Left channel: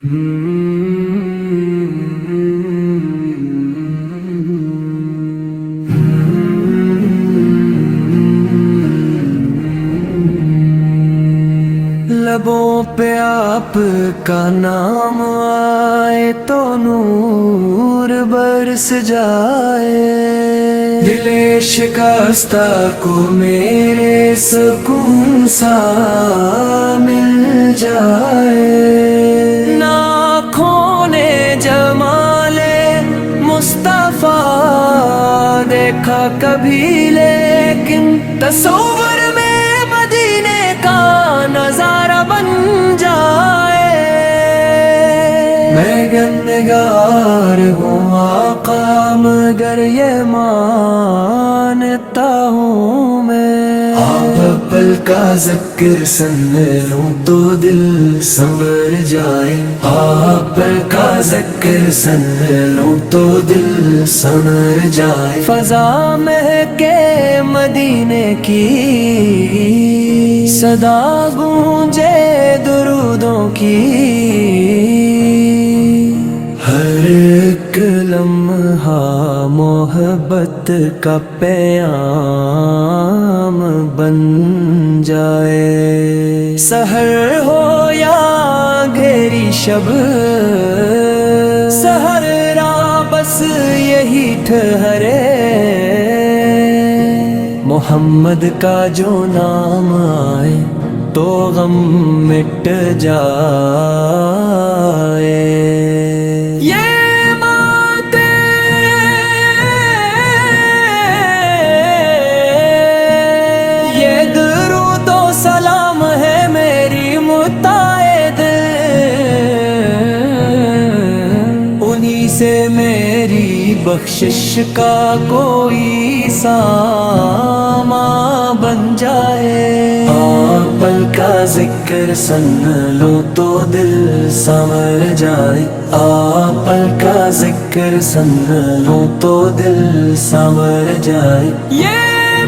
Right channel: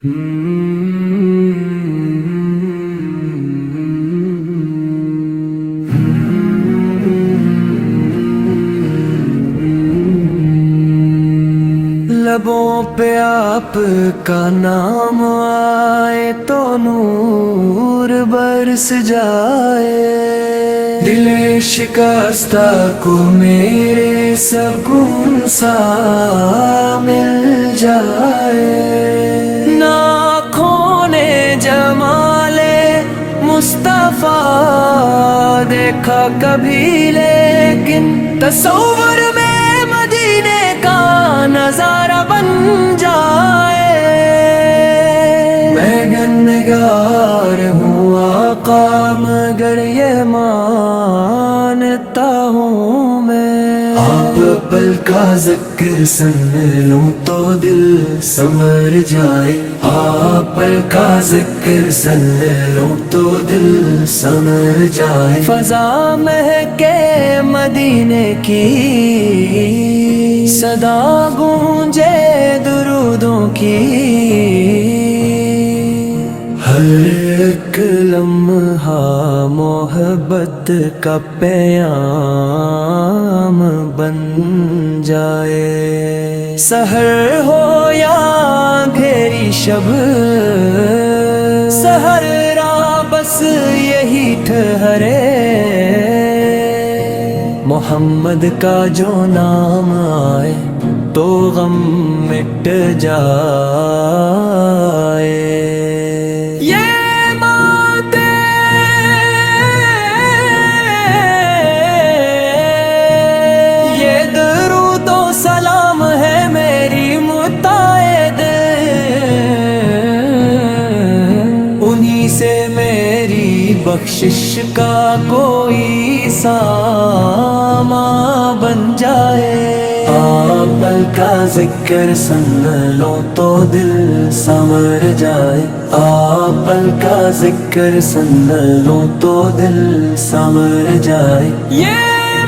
لبوں پہ آپ کا نام آئے تو نور برس جائے، دل شکستہ کو میرے سکون سا مل جائے۔ نہ کھونے جمال مصطفیٰ دیکھا کبھی، لیکن تصور میں مدینے کا نظارہ بن جائے۔ میں گنہگار ہوں آقا، مگر یہ مانتا ہوں میں، آپ پل کا ذکر سن لوں تو دل سنور جائے، آپ پل کا ذکر سن لوں تو دل سنور جائے۔ فضا مہکے مدینے کی، صدا گونجے درودوں کی، ہر ایک لمحہ محبت کا پیام بن جائے۔ سحر ہو یا گھیری شب، سحر را بس یہی ٹھہرے، محمد کا جو نام آئے تو غم مٹ جائے۔ یہ باتیں یہ درود و سلام ہے میری متعید، انہی سے میری بخشش کا کوئی سامان بن جائے۔ آپ پل کا ذکر سن لو تو دل سنور جائے، آپ پل کا ذکر سن لو تو دل سنور جائے۔ یہ